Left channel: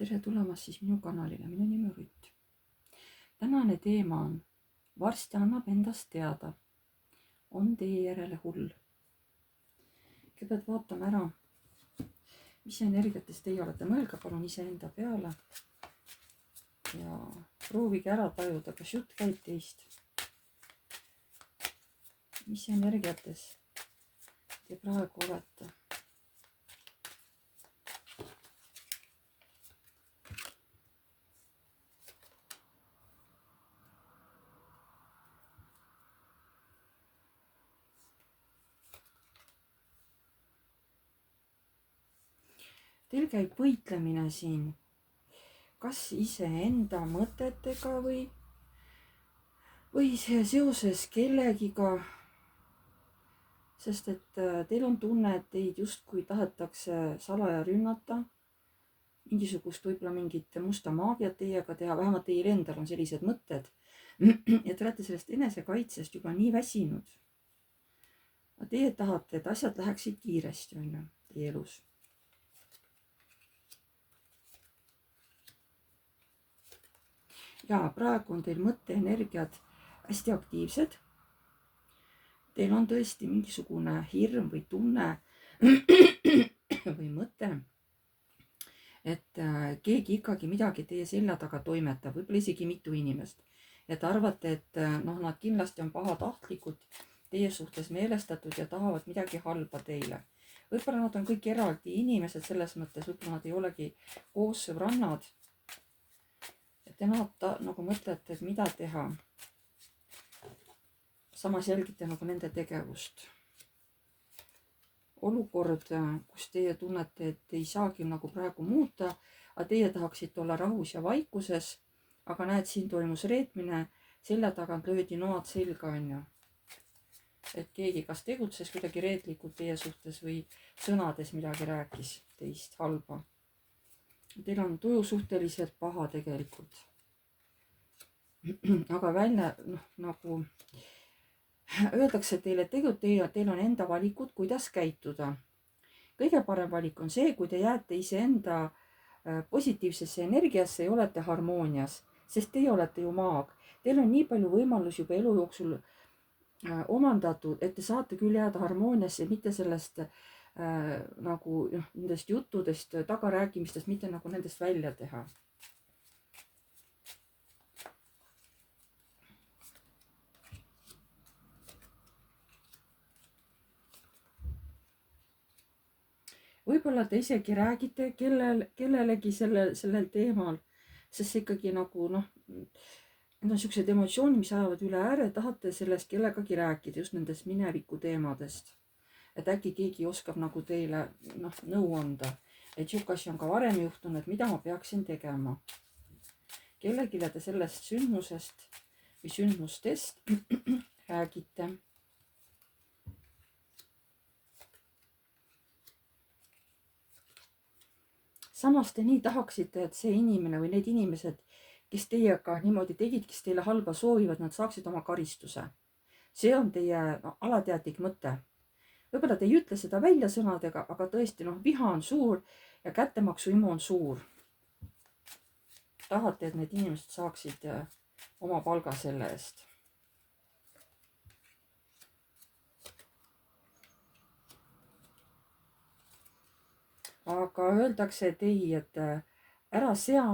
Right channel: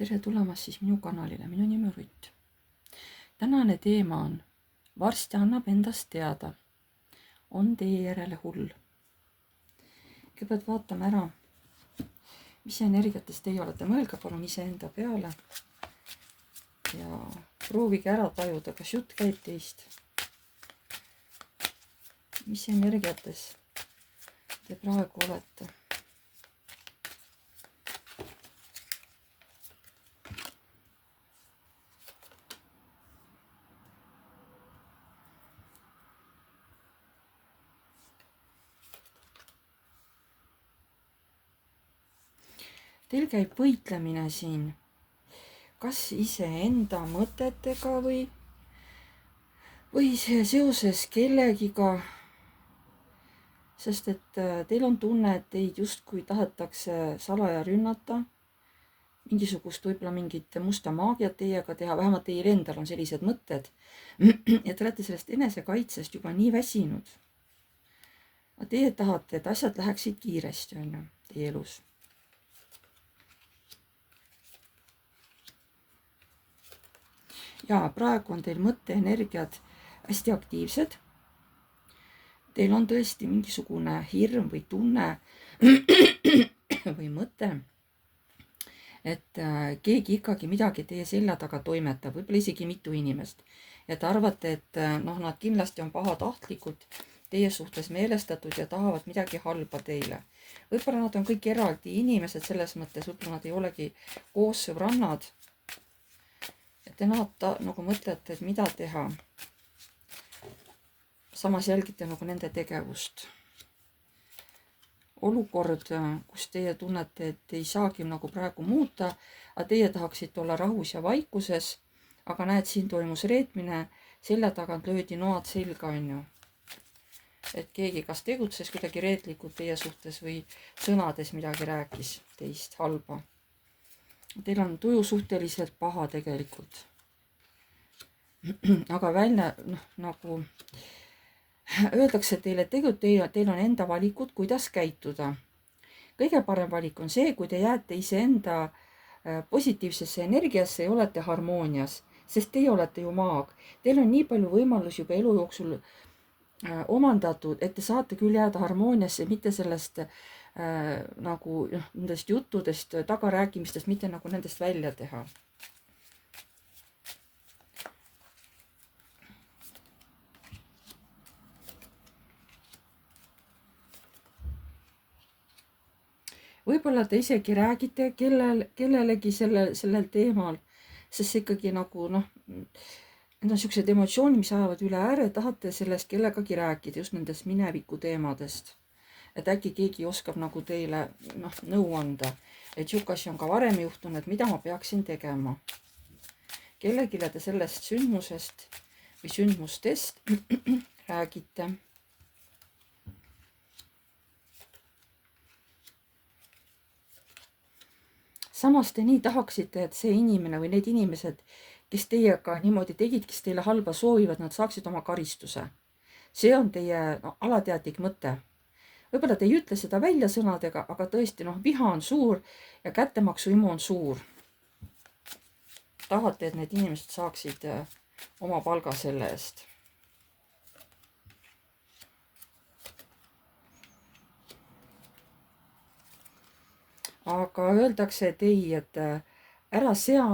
tere tulemast siis minu kanalile, minu nimi on Rutt. Tänane teema on: varsti annab endast teada, on teie järele hull. Kõigepealt vaatame ära, mis energiates teie olete. Mõelge palun iseenda peale ja proovige ära tajuda, kas jutt käib teist. Mis energiates te praegu olete? Teil käib võitlemine siin, kas iseenda mõtetega või seoses kellegiga, sest et teil on tunne, et teid justkui tahetakse salaja rünnata, mingisugust võib-olla mingit musta maagiat teiega teha, vähemalt teil endal on sellised mõtted, ja te olete sellest enesekaitsest juba nii väsinud. Teie tahate, et asjad läheksid kiiresti, on ju, teie elus. Ja praegu on teil mõtteenergiad hästi aktiivsed. Teil on tõesti mingisugune hirm või tunne või mõte, et keegi ikkagi midagi teie selja taga toimetab, võib-olla isegi mitu inimest. Ja te arvate, et nad kindlasti on pahatahtlikud teie suhtes meelestatud ja tahavad midagi halba teile. Võib-olla nad on kõik eraldi inimesed selles mõttes, võib-olla nad ei olegi koos sõbrannad. Te nagu mõtlete, et mida teha. Samas jälgite nagu nende tegevust. Olukord, kus teie tunnete, et ei saagi nagu praegu muuta, aga teie tahaksite olla rahus ja vaikuses, aga näed, siin toimus reetmine, selja tagant löödi noad selga, on ju. Et keegi kas tegutses kuidagi reetlikult teie suhtes või sõnades midagi rääkis teist halba. Teil on tuju suhteliselt paha tegelikult. Aga välja, nagu öeldakse teile, et tegelikult teil on enda valikud, kuidas käituda. Kõige parem valik on see, kui te jääte iseenda positiivsesse energiasse ja olete harmoonias, sest teie olete ju maag. Teil on nii palju võimalus juba elu jooksul omandatud, et te saate küll jääda harmooniasse, mitte sellest nagu nendest juttudest, tagarääkimistest, mitte nagu nendest välja teha. Võib-olla te isegi räägite kellelegi sellel teemal, sest see ikkagi nagu need on sellised emotsioonid, mis ajavad üle ääre, tahate sellest kellegagi rääkida, just nendest mineviku teemadest. Et äkki keegi oskab nagu teile nõu anda, et siukasi on ka varem juhtunud, mida ma peaksin tegema. Kellegile te sellest sündmusest või sündmustest räägite. Samas te nii tahaksite, et see inimene või need inimesed, kes teiega niimoodi tegid, kes teile halba soovivad, nad saaksid oma karistuse. See on teie alateadlik mõte. Võib-olla te ei ütle seda välja sõnadega, aga tõesti viha on suur ja kättemaksuimu on suur. Tahate, et need inimesed saaksid oma palga selle eest. Aga öeldakse, et ei, et ära sea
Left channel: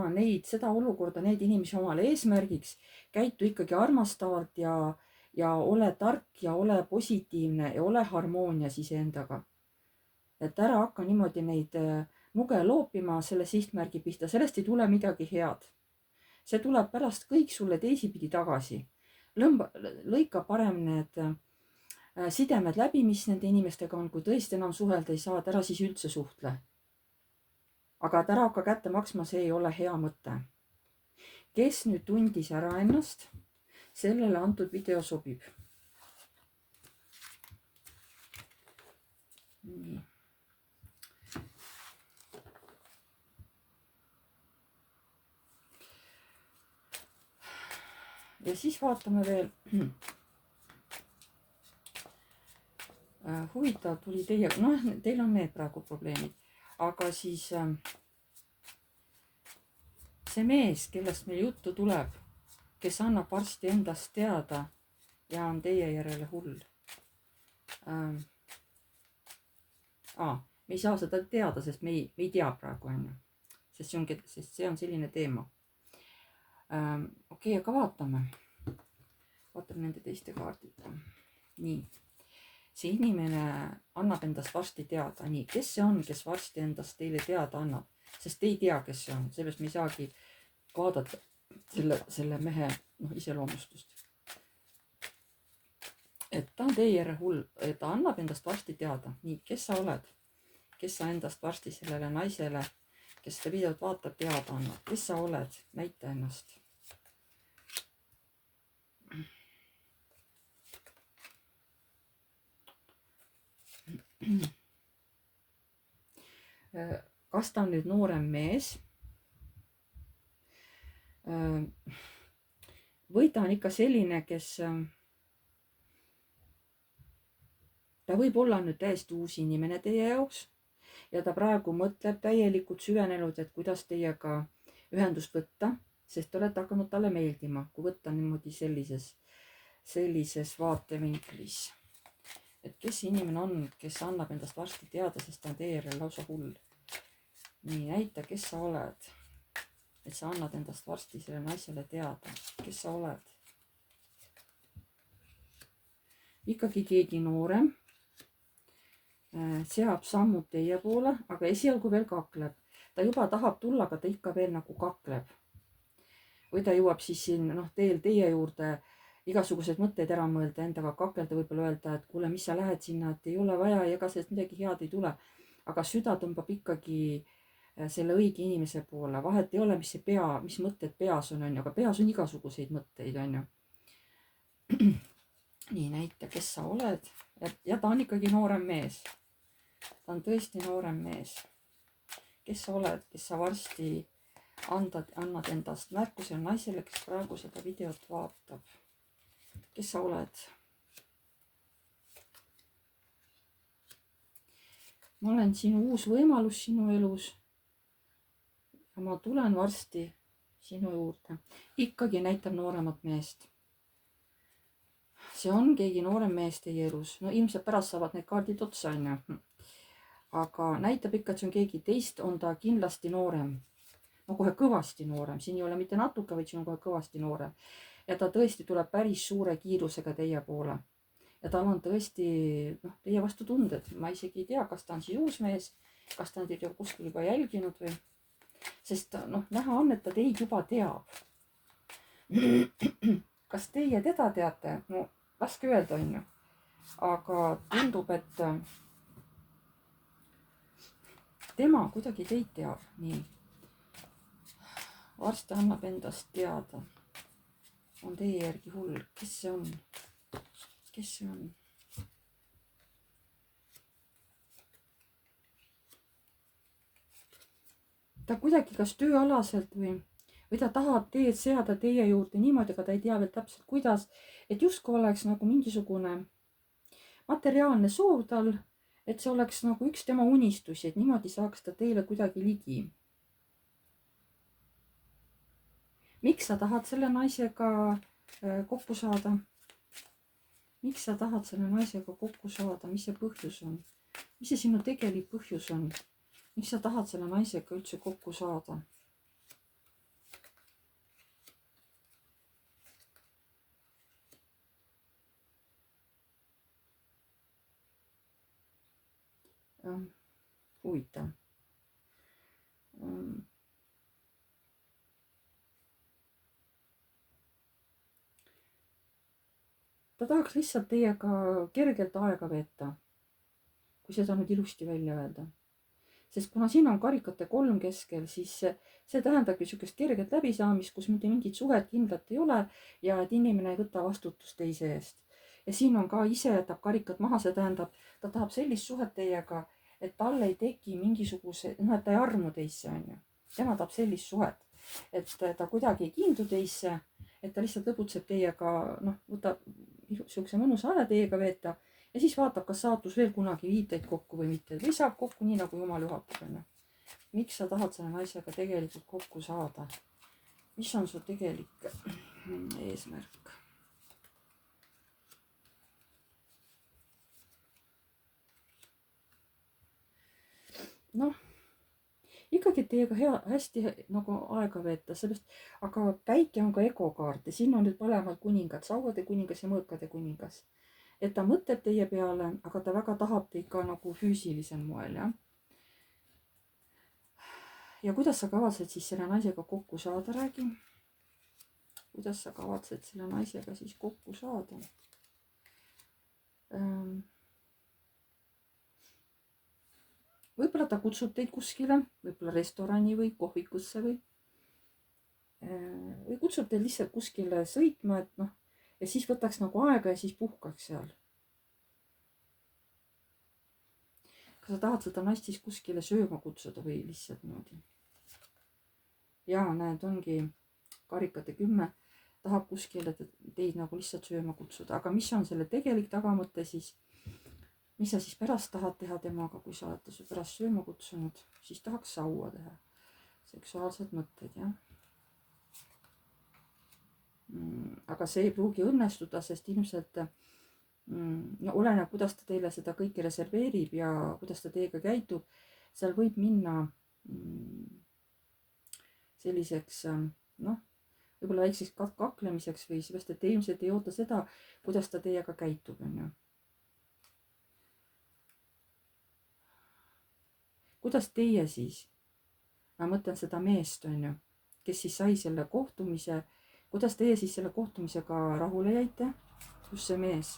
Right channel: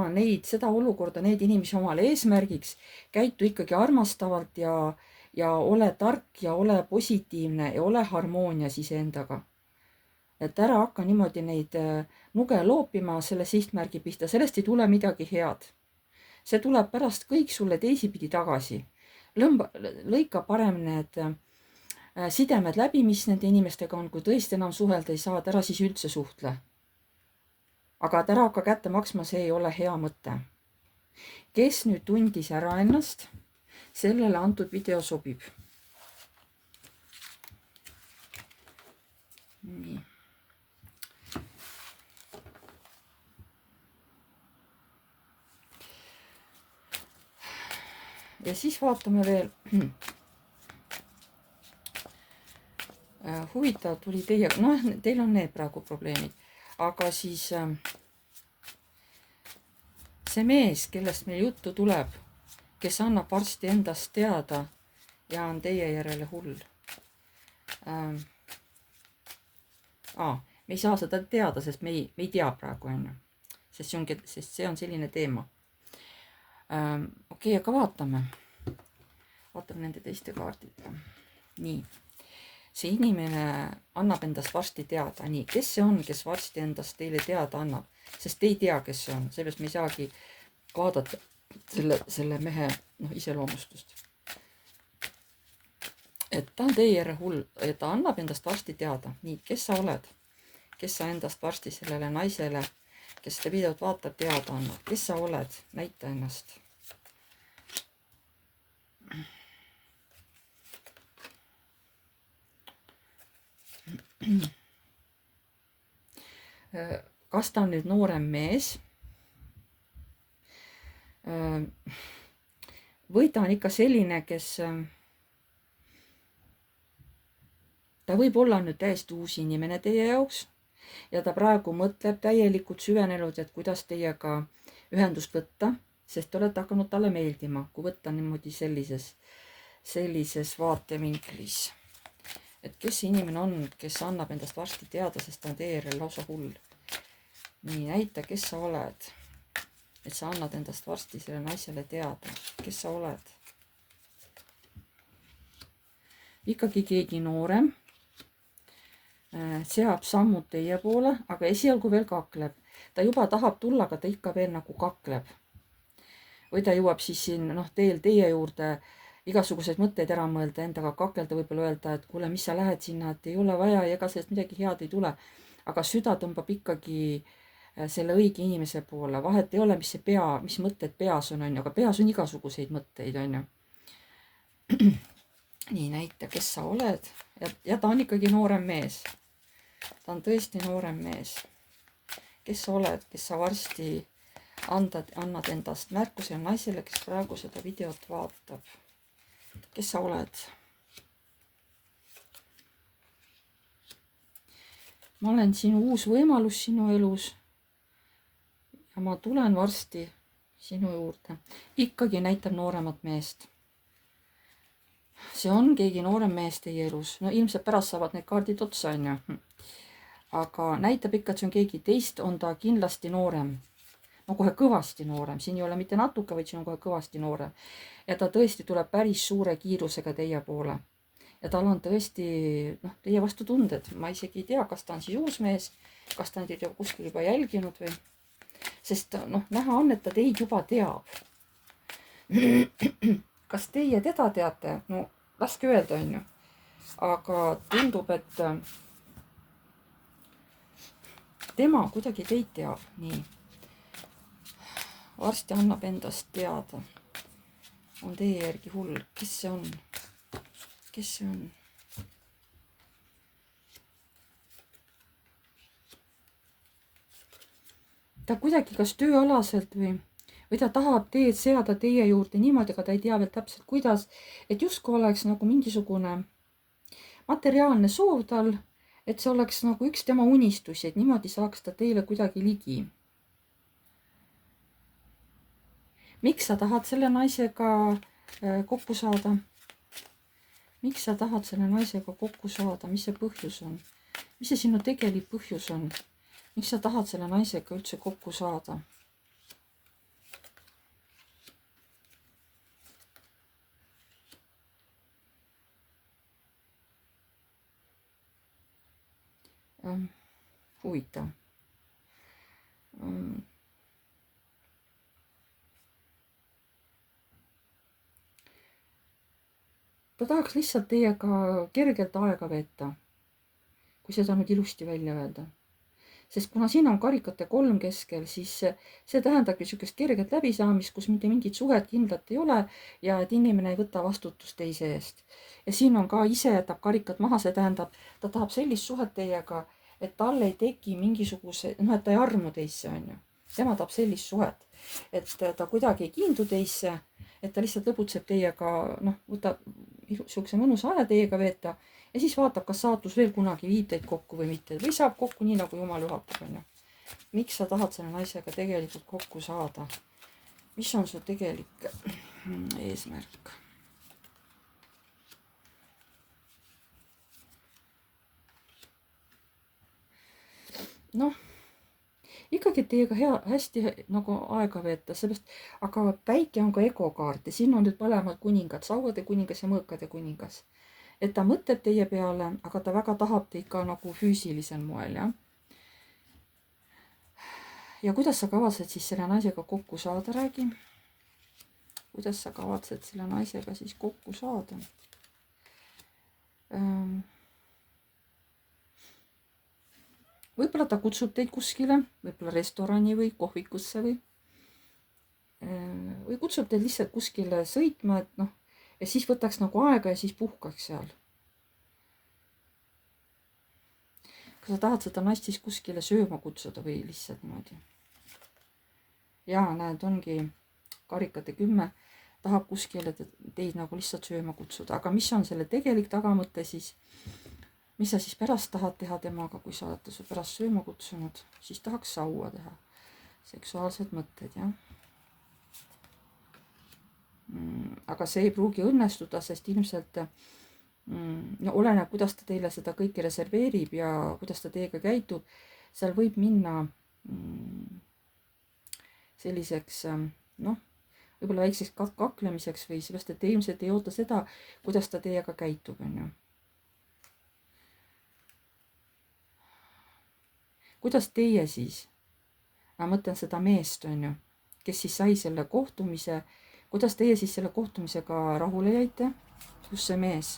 seda olukorda, neid inimesi omale eesmärgiks, käitu ikkagi armastavalt ja ole tark ja ole positiivne ja ole harmoonias iseendaga. Et ära hakka niimoodi neid nuge loopima selle sihtmärgi pihta, sellest ei tule midagi head. See tuleb pärast kõik sulle teisipidi tagasi. Lõika parem need sidemed läbi, mis nende inimestega on, kui tõesti enam suhelda ei saa, ära siis üldse suhtle. Aga et ära hakka kätte maksma, see ei ole hea mõte. Kes nüüd tundis ära ennast, sellele antud video sobib. Nii. Ja siis vaatame veel. Huvitav tuli teil on need praegu probleemid. Aga siis see mees, kellest meil juttu tuleb, kes annab varsti endast teada ja on teie järele hull. Me ei saa seda teada, sest me ei tea praegu, on ju. Sest see on selline teema. Okei, aga vaatame nende teiste kaardidega. Nii. See inimene annab endast varsti teada. Nii, kes see on, kes varsti endast teile teada annab? Sest te ei tea, kes see on. Sellest me ei saagi vaadata selle mehe iseloomustust. Et ta on teie järele hull ja ta annab endast varsti teada. Nii, kes sa oled? Kes sa endast varsti sellele naisele, kes seda videot vaatab, teada annab? Kes sa oled? Näita ennast. Kas ta on nüüd noorem mees või ta on ikka selline, kes ta võib olla nüüd täiesti uus inimene teie jaoks ja ta praegu mõtleb täielikult süvenenud, et kuidas teiega ühendust võtta, sest te olete hakanud talle meeldima, kui võtta niimoodi sellises vaatevinklis. Et kes see inimene on, kes annab endast varsti teada, sest ta on teie järel lausa hull. Nii, näita, kes sa oled. Et sa annad endast varsti selle naisele teada. Kes sa oled? Ikkagi keegi noorem. Seab sammud teie poole, aga esialgu veel kakleb. Ta juba tahab tulla, aga ta ikka veel nagu kakleb. Või ta jõuab siis siin teie juurde igasuguseid mõtteid ära mõelda, endaga kakelda, võib-olla öelda, et kuule, mis sa lähed sinna, et ei ole vaja ja ega sellest midagi head ei tule. Aga süda tõmbab ikkagi selle õige inimese poole. Vahet ei ole, mis mõtted peas on, aga peas on igasuguseid mõtteid, on ju. Nii, näita, kes sa oled. Ja ta on ikkagi noorem mees. Ta on tõesti noorem mees. Kes sa oled, kes sa varsti annad endast märkusele naisele, kes praegu seda videot vaatab. Kes sa oled? Ma olen sinu uus võimalus sinu elus ja ma tulen varsti sinu juurde. Ikkagi näitab nooremat meest. See on keegi noorem mees teie elus. No ilmselt pärast saavad need kaardid otsa, on ju. Aga näitab ikka, et see on keegi teist, on ta kindlasti noorem. No kohe kõvasti noorem. Siin ei ole mitte natuke, vaid siin on kohe kõvasti noorem. Ja ta tõesti tuleb päris suure kiirusega teie poole. Ja tal on tõesti teie vastu tunded. Ma isegi ei tea, kas ta on siis uus mees, kas ta on teid kuskil juba jälginud või. Sest näha on, et ta teid juba teab. Kas teie teda teate? No laske öelda, on ju. Aga tundub, et tema kuidagi teid teab. Nii. Varsti annab endast teada. On teie järgi hull. Kes see on? Kes see on? Ta kuidagi kas tööalaselt või ta tahab teed seada teie juurde niimoodi, aga ta ei tea veel täpselt kuidas, et justkui oleks nagu mingisugune materiaalne soov tal, et see oleks nagu üks tema unistusi, et niimoodi saaks ta teile kuidagi ligi. Miks sa tahad selle naisega kokku saada? Miks sa tahad selle naisega kokku saada? Mis see põhjus on? Mis see sinu tegelik põhjus on? Miks sa tahad selle naisega üldse kokku saada? Huvitav. Ta tahaks lihtsalt teiega kergelt aega veeta, kui seda nüüd ilusti välja öelda. Sest kuna siin on karikate 3 keskel, siis see tähendabki niisugust kerget läbisaamist, kus mitte mingit suhet kindlat ei ole ja et inimene ei võta vastutust teise eest. Ja siin on ka ise jätab karikad maha, see tähendab, ta tahab sellist suhet teiega, et tal ei teki mingisuguse, et ta ei armu teisse, on ju. Tema tahab sellist suhet, et ta kuidagi ei kiindu teisse, et ta lihtsalt lõbutseb teiega, võtab niisuguse mõnusa aja teiega veeta ja siis vaatab, kas saatus veel kunagi viib teid kokku või mitte. Või saab kokku nii, nagu Jumal juhatab, on ju. Miks sa tahad selle naisega tegelikult kokku saada? mis on su tegelik eesmärk? noh, ikkagi teiega hästi nagu aega veeta, sellest, aga päike on ka egokaart ja siin on nüüd mõlemad kuningad, sauade kuningas ja mõõkade kuningas. et ta mõtleb teie peale, aga ta väga tahab teid ka nagu füüsilisel moel, jah. ja kuidas sa kavatsed siis selle naisega kokku saada, räägi. kuidas sa kavatsed selle naisega siis kokku saada? võib-olla ta kutsub teid kuskile, võib-olla restorani või kohvikusse või kutsub teid lihtsalt kuskile sõitma, et noh, ja siis võtaks nagu aega ja siis puhkaks seal. kas sa tahad seda naist siis kuskile sööma kutsuda või lihtsalt niimoodi? jaa, näed, ongi karikate 10, tahab kuskile teid nagu lihtsalt sööma kutsuda, aga mis on selle tegelik tagamõte siis? mis sa siis pärast tahad teha temaga, kui sa olete su pärast sööma kutsunud, siis tahaks saua teha. seksuaalsed mõtted, jah. aga see ei pruugi õnnestuda, sest ilmselt no, oleneb, kuidas ta teile seda kõike reserveerib ja kuidas ta teiega käitub. seal võib minna selliseks noh, võib-olla väikseks kaklemiseks või sellest, et te ilmselt ei oota seda, kuidas ta teiega käitub, on ju. kuidas teie siis, ma mõtlen seda meest, on ju, kes siis sai selle kohtumise, kuidas teie siis selle kohtumisega rahule jäite, just see mees?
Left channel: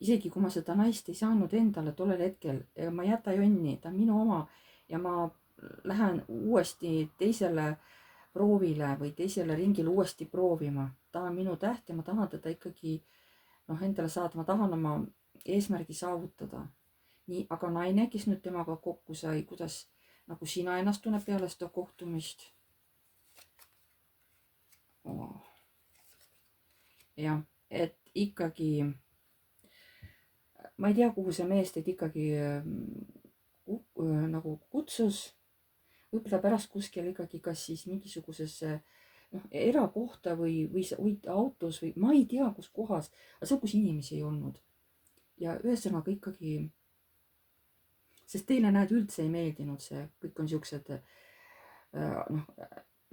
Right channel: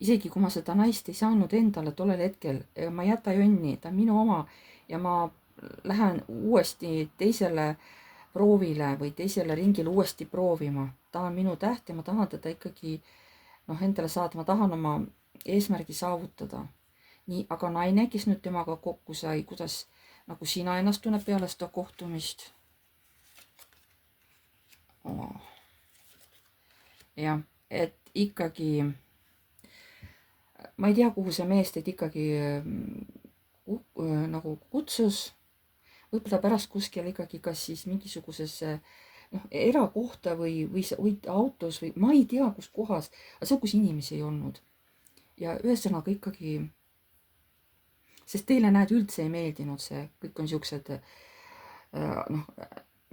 isegi kui ma seda naist ei saanud endale tollel hetkel, ma ei jäta jonni, ta on minu oma ja ma lähen uuesti teisele proovile või teisele ringile uuesti proovima. ta on minu täht ja ma tahan teda ikkagi endale saada, ma tahan oma eesmärgi saavutada. nii, aga naine, kes nüüd temaga kokku sai, kuidas nagu sina ennast tunned peale seda kohtumist? jah, et ikkagi ma ei tea, kuhu see mees teid ikkagi nagu kutsus. võib-olla pärast kuskil ikkagi kas siis mingisugusesse erakohta või autos või ma ei tea, kus kohas, aga see, kus inimesi ei olnud. ja ühesõnaga ikkagi, sest teile, näed, üldse ei meeldinud see, kõik on siuksed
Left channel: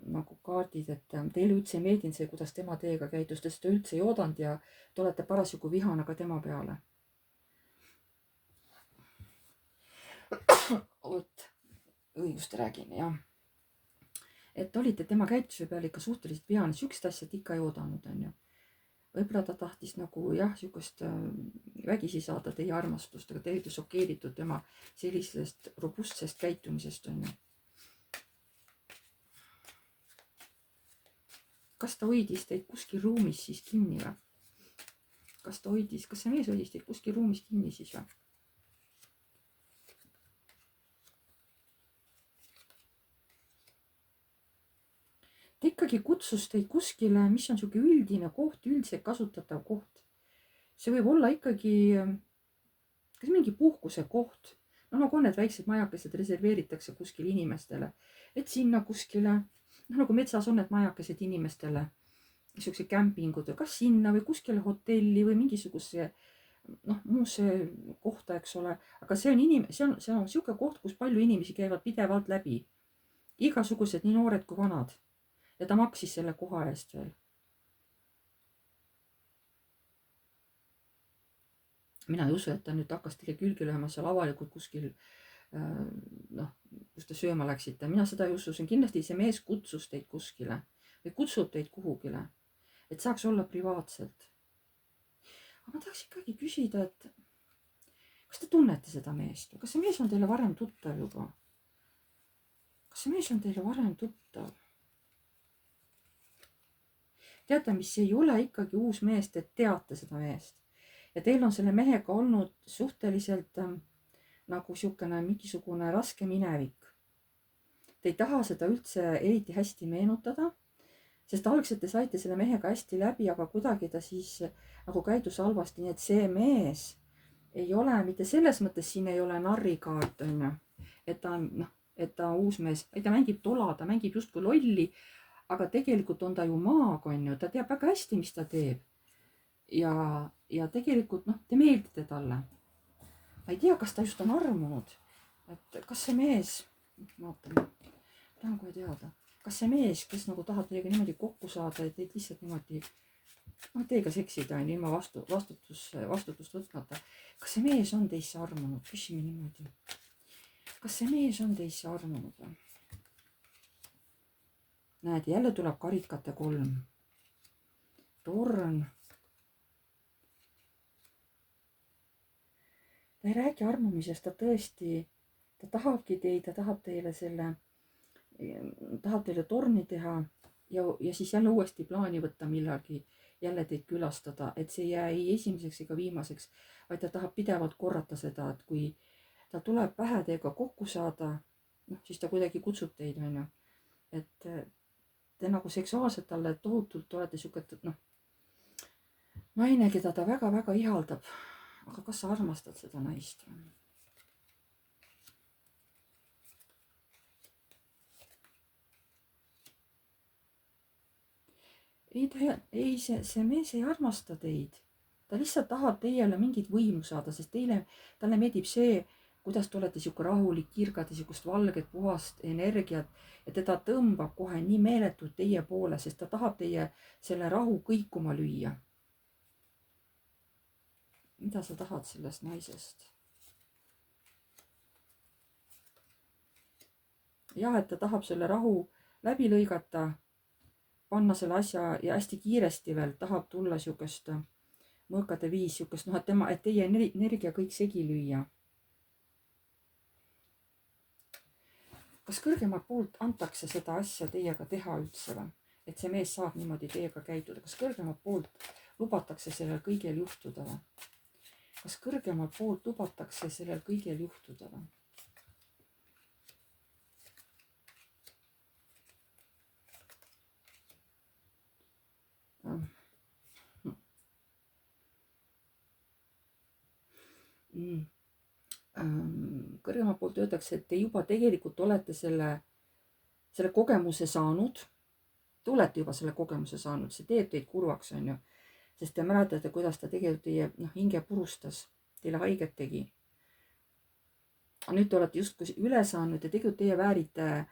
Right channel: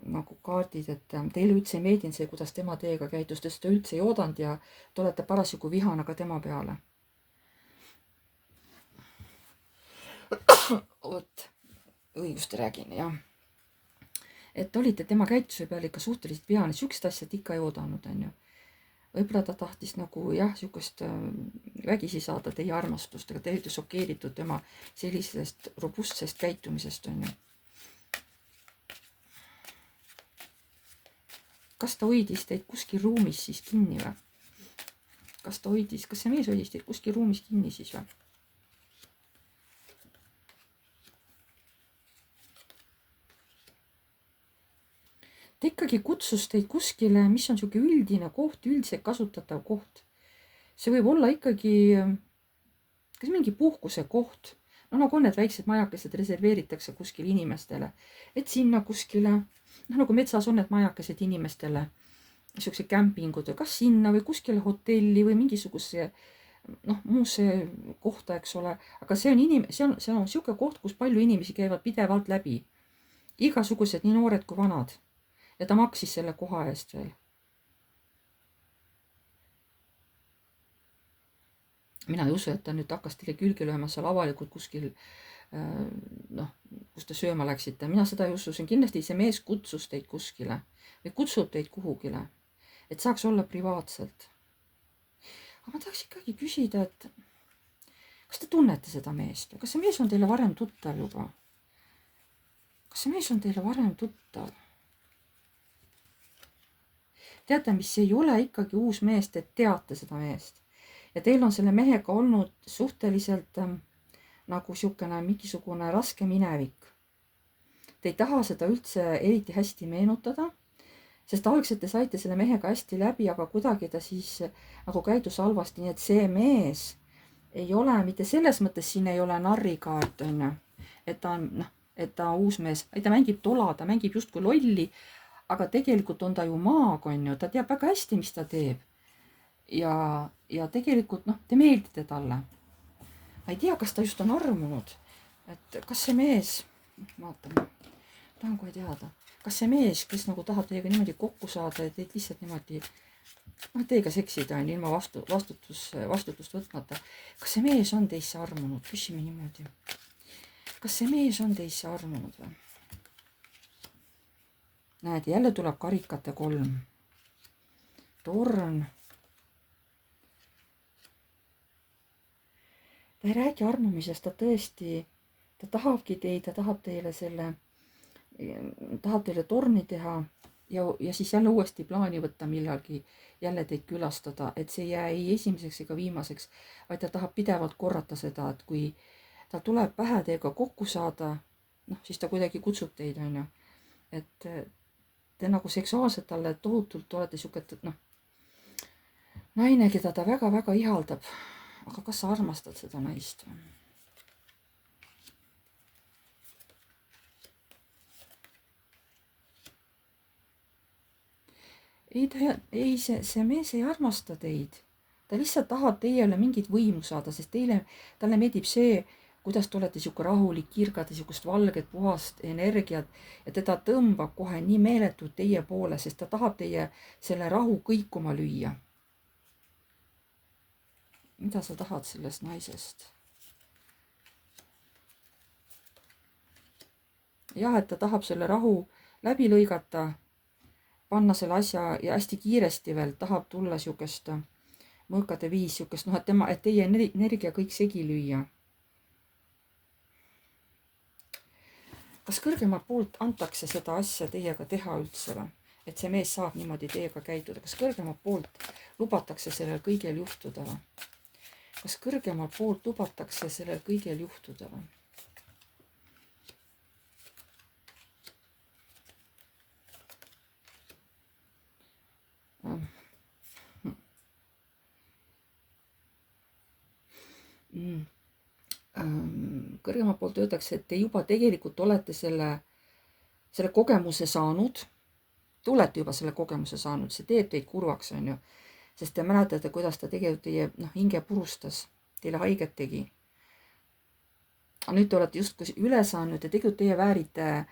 nagu kaardid, et teile üldse ei meeldinud see, kuidas tema teiega käitus, te seda üldse ei oodanud ja te olete parasjagu vihane ka tema peale. vot, õigust räägin, jah. et olite tema käituse peale ikka suhteliselt vihane, siukest asja ikka ei oodanud, on ju. võib-olla ta tahtis nagu jah, siukest vägisi saada teie armastust, aga te olite šokeeritud tema sellisest robustsest käitumisest, on ju. kas ta hoidis teid kuskil ruumis siis kinni või? kas see mees hoidis teid kuskil ruumis kinni siis või? ta ikkagi kutsus teid kuskile, mis on sihuke üldine koht, üldiselt kasutatav koht. see võib olla ikkagi kas mingi puhkuse koht, no nagu on need väiksed majakesed reserveeritakse kuskil inimestele, et sinna kuskile, nagu metsas on need majakesed inimestele, siukse kämpingud, kas sinna või kuskile hotelli või mingisuguse muusse kohta, eks ole, aga see on siuke koht, kus palju inimesi käivad pidevalt läbi, igasugused, nii noored kui vanad. ja ta maksis selle koha eest veel. mina ei usu, et ta nüüd hakkas teile külge lööma seal avalikult kuskil, kus te sööma läksite. mina seda ei usu, see on kindlasti see mees kutsus teid kuskile või kutsub teid kuhugile, et saaks olla privaatselt. aga ma tahaks ikkagi küsida, et kas te tunnete seda meest, kas see mees on teile varem tuttav juba? kas see mees on teile varem tuttav? teate, mis ei ole ikkagi uus mees, te teate seda meest ja teil on selle mehega olnud suhteliselt nagu siukene mingisugune raske minevik. Te ei taha seda üldse eriti hästi meenutada, sest algselt te saite selle mehega hästi läbi, aga kuidagi ta siis nagu käidus halvasti, nii et see mees ei ole mitte selles mõttes, siin ei ole narrikaart, on ju, et ta on et ta uus mees, ta mängib tola, ta mängib justkui lolli, aga tegelikult on ta ju maag, on ju, ta teab väga hästi, mis ta teeb. ja tegelikult te meeldite talle. ma ei tea, kas ta just on armunud, et kas see mees, vaatame, tahan kohe teada, kas see mees, kes nagu tahab teiega niimoodi kokku saada ja teid lihtsalt niimoodi teiega seksida on ilma vastutust võtmata, kas see mees on teisse armunud, küsime niimoodi. kas see mees on teisse armunud või? näed, jälle tuleb karikate 3. torn. ta ei räägi armumisest, ta tõesti, ta tahabki teid, ta tahab teile torni teha ja siis jälle uuesti plaani võtta millalgi, jälle teid külastada, et see ei jää ei esimeseks ega viimaseks, vaid ta tahab pidevalt korrata seda, et kui ta tuleb pähe teiega kokku saada, siis ta kuidagi kutsub teid, on ju. et te nagu seksuaalselt talle tohutult olete siuke, naine, keda ta väga-väga ihaldab. aga kas sa armastad seda naist või? see mees ei armasta teid. ta lihtsalt tahab teile mingit võimu saada, sest talle meeldib see, kuidas te olete sihuke rahulik, kirgate sihukest valget, puhast energiat ja teda tõmbab kohe nii meeletult teie poole, sest ta tahab teie selle rahu kõikuma lüüa. mida sa tahad sellest naisest? jah, et ta tahab selle rahu läbi lõigata, panna selle asja ja hästi kiiresti veel tahab tulla sihukest mõõkade viis, sihukest et teie energia kõik segi lüüa. kas kõrgemalt poolt antakse seda asja teiega teha üldse või? et see mees saab niimoodi teiega käituda, kas kõrgemalt poolt lubatakse sellel kõigel juhtuda või? kas kõrgemalt poolt lubatakse sellel kõigel juhtuda või? kõrgemalt poolt öeldakse, et te juba tegelikult olete selle kogemuse saanud. Te olete juba selle kogemuse saanud, see teeb teid kurvaks, on ju. sest te mäletate, kuidas ta tegelikult teie hinge purustas, teile haiget tegi. nüüd te olete justkui üle saanud ja tegelikult teie väärite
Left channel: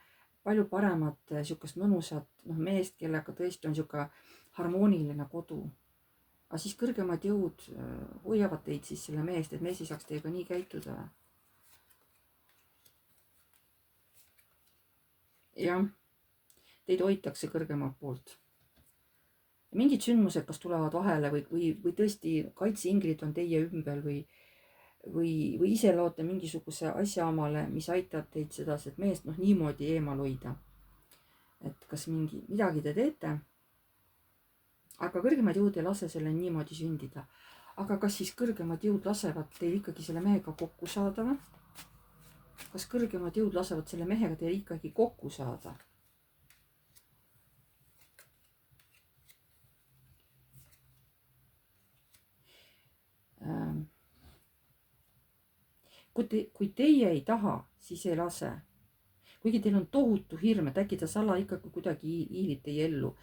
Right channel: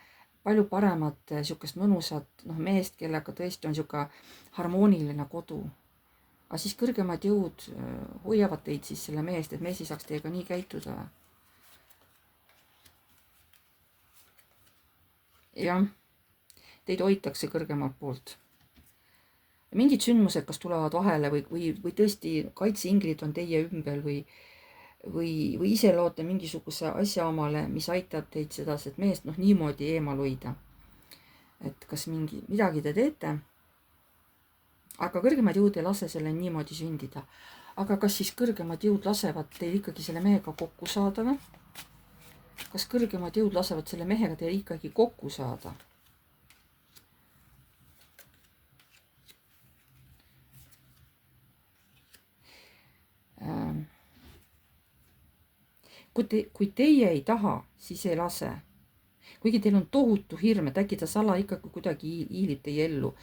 palju paremat sihukest mõnusat meest, kellega tõesti on sihuke harmooniline kodu. aga siis kõrgemad jõud hoiavad teid siis selle meest, et mees ei saaks teiega nii käituda. jah, teid hoitakse kõrgemalt poolt. mingid sündmused kas tulevad vahele või tõesti kaitseinglid on teie ümber või ise loote mingisuguse asja omale, mis aitab teid sedaset meest niimoodi eemal hoida. et kas midagi te teete, aga kõrgemad jõud ei lase selle niimoodi sündida. aga kas siis kõrgemad jõud lasevad teil ikkagi selle mehega kokku saada või? kas kõrgemad jõud lasevad selle mehega teil ikkagi kokku saada? kui teie ei taha, siis ei lase. kuigi teil on tohutu hirm, et äkki ta sala ikkagi kuidagi hiilib teie ellu.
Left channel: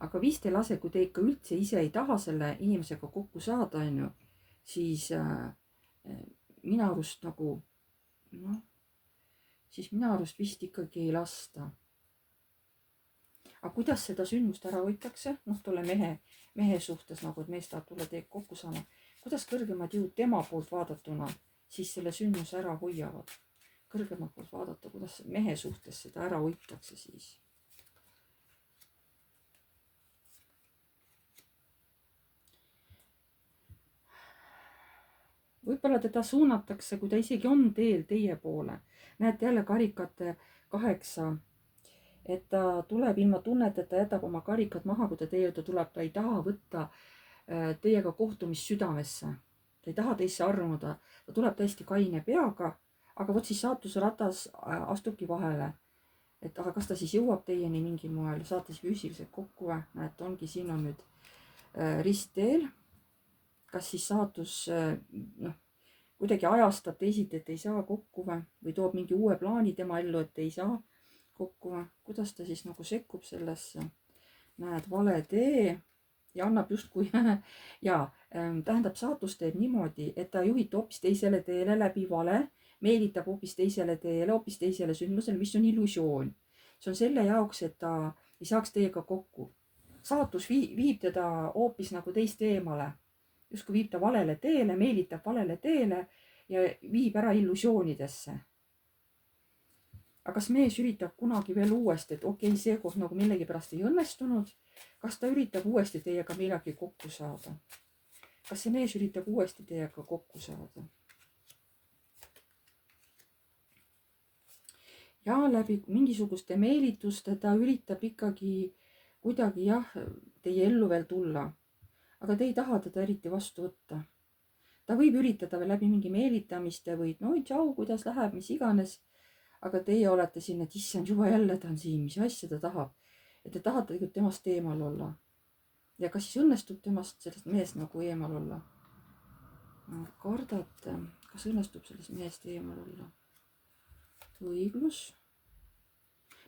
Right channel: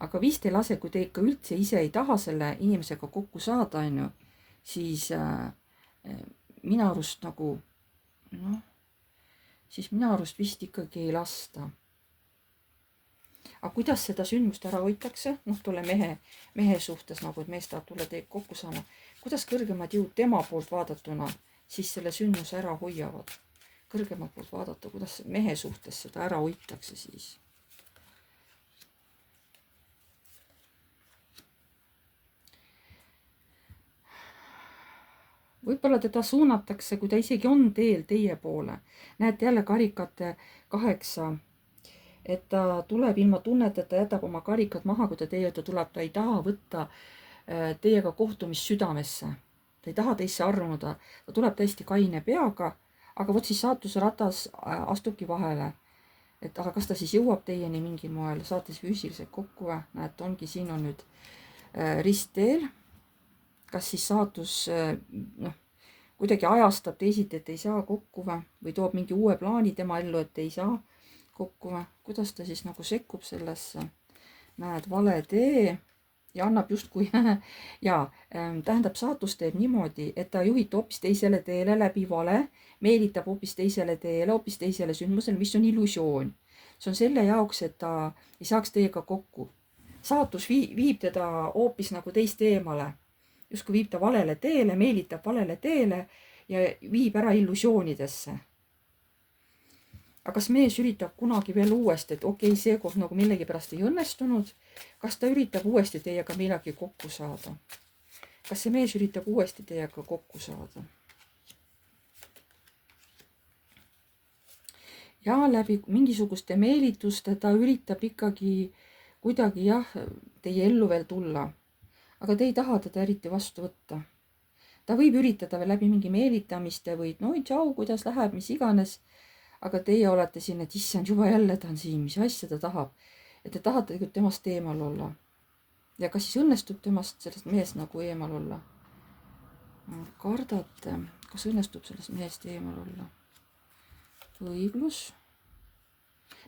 aga vist ei lase, kui te ikka üldse ise ei taha selle inimesega kokku saada, on ju, siis minu arust siis minu arust vist ikkagi ei lasta. aga kuidas seda sündmust ära hoitakse, tolle mehe suhtes et mees tahab tulla teiega kokku saama, kuidas kõrgemad jõud tema poolt vaadatuna siis selle sündmuse ära hoiavad? kõrgemalt poolt vaadata, kuidas mehe suhtes seda ära hoitakse siis? võib-olla teda suunatakse, kui ta isegi on teel teie poole. näete jälle karikate 8, et ta tuleb ilma tunneteta, jätab oma karikad maha, kui ta teie juurde tuleb, ta ei taha võtta teiega kohtumist südamesse. ta ei taha teisse armuda, ta tuleb tõesti kaine peaga, aga vot siis saatuse ratas astubki vahele. et aga kas ta siis jõuab teieni mingil moel, saate siis füüsiliselt kokku või? näete, ongi, siin on nüüd ristteel. kas siis saatus kuidagi ajastab teisiti, et ei saa kokku või toob mingi uue plaani tema ellu, et ei saa kokku või kuidas ta siis nagu sekkub sellesse, näed, vale tee ja annab justkui ja tähendab, saatus teeb niimoodi, et ta juhib hoopis teisele teele läbi vale, meelitab hoopis teisele teele, hoopis teisele sündmusele, mis on illusioon. See on selle jaoks, et ta ei saaks teiega kokku. Saatus viib teda hoopis nagu teist eemale, justkui viib ta valele teele, meelitab valele teele ja viib ära illusioonidesse. aga kas mees üritab kunagi veel uuesti, et okei, seekord nagu millegipärast ei õnnestunud, kas ta üritab uuesti teiega millalgi kokku saada? kas see mees üritab uuesti teiega kokku saada? ja läbi mingisuguste meelituste ta üritab ikkagi kuidagi jah, teie ellu veel tulla. aga te ei taha teda eriti vastu võtta. ta võib üritada veel läbi mingi meelitamiste või no tšau, kuidas läheb, mis iganes. aga teie olete siin, et issand, juba jälle ta on siin, mis asja ta tahab. et te tahate tegelikult temast eemal olla. ja kas siis õnnestub temast, sellest mehest nagu eemal olla? kardate, kas õnnestub sellest mehest eemal olla? õiglus.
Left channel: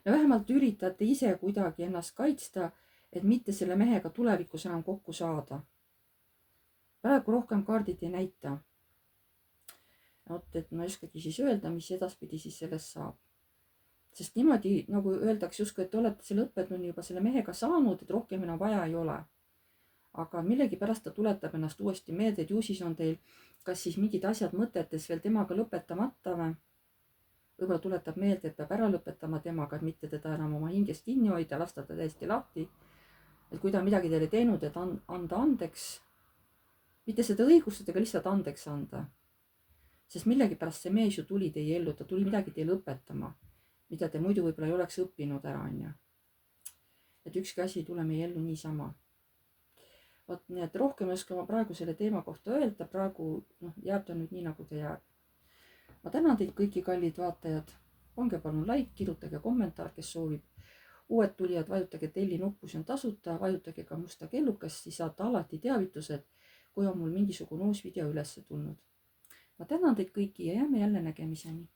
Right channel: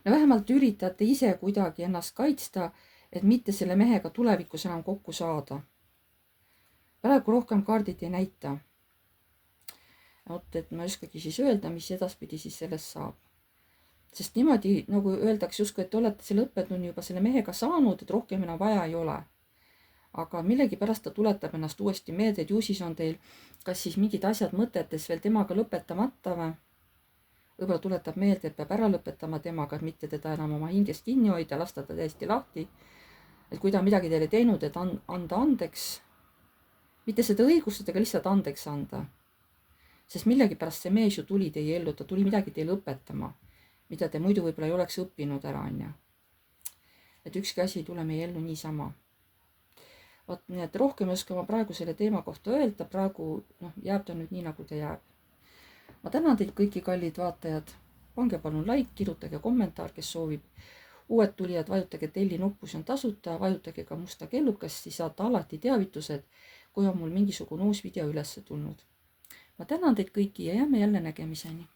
no vähemalt üritate ise kuidagi ennast kaitsta, et mitte selle mehega tulevikus enam kokku saada. praegu rohkem kaardid ei näita. vot, et ma ei oskagi siis öelda, mis edaspidi siis sellest saab. sest niimoodi nagu öeldakse justkui, et te olete selle õppetunni juba selle mehega saanud, et rohkem enam vaja ei ole. aga millegipärast ta tuletab ennast uuesti meelde, et ju siis on teil kas siis mingid asjad mõtetes veel temaga lõpetamata või võib-olla tuletab meelde, et peab ära lõpetama temaga, et mitte teda enam oma hingest kinni hoida, lasta ta täiesti lahti. et kui ta on midagi teile teinud, et anda andeks, mitte seda õigustada, aga lihtsalt andeks anda. sest millegipärast see mees ju tuli teie ellu, ta tuli midagi teile õpetama, mida te muidu võib-olla ei oleks õppinud ära, onju. et ükski asi ei tule meie ellu niisama. vot, nii et rohkem ei oska ma praegu selle teema kohta öelda, praegu jääb ta nüüd nii, nagu ta jääb. ma tänan teid kõiki, kallid vaatajad. pange palun like, kirjutage kommentaar, kes soovib. uued tulijad, vajutage telli nuppu, see on tasuta, vajutage ka musta kellukest, siis saate alati teavitused, kui on mul mingisugune uus video üles tulnud. ma tänan teid kõiki ja jääme jälle nägemiseni.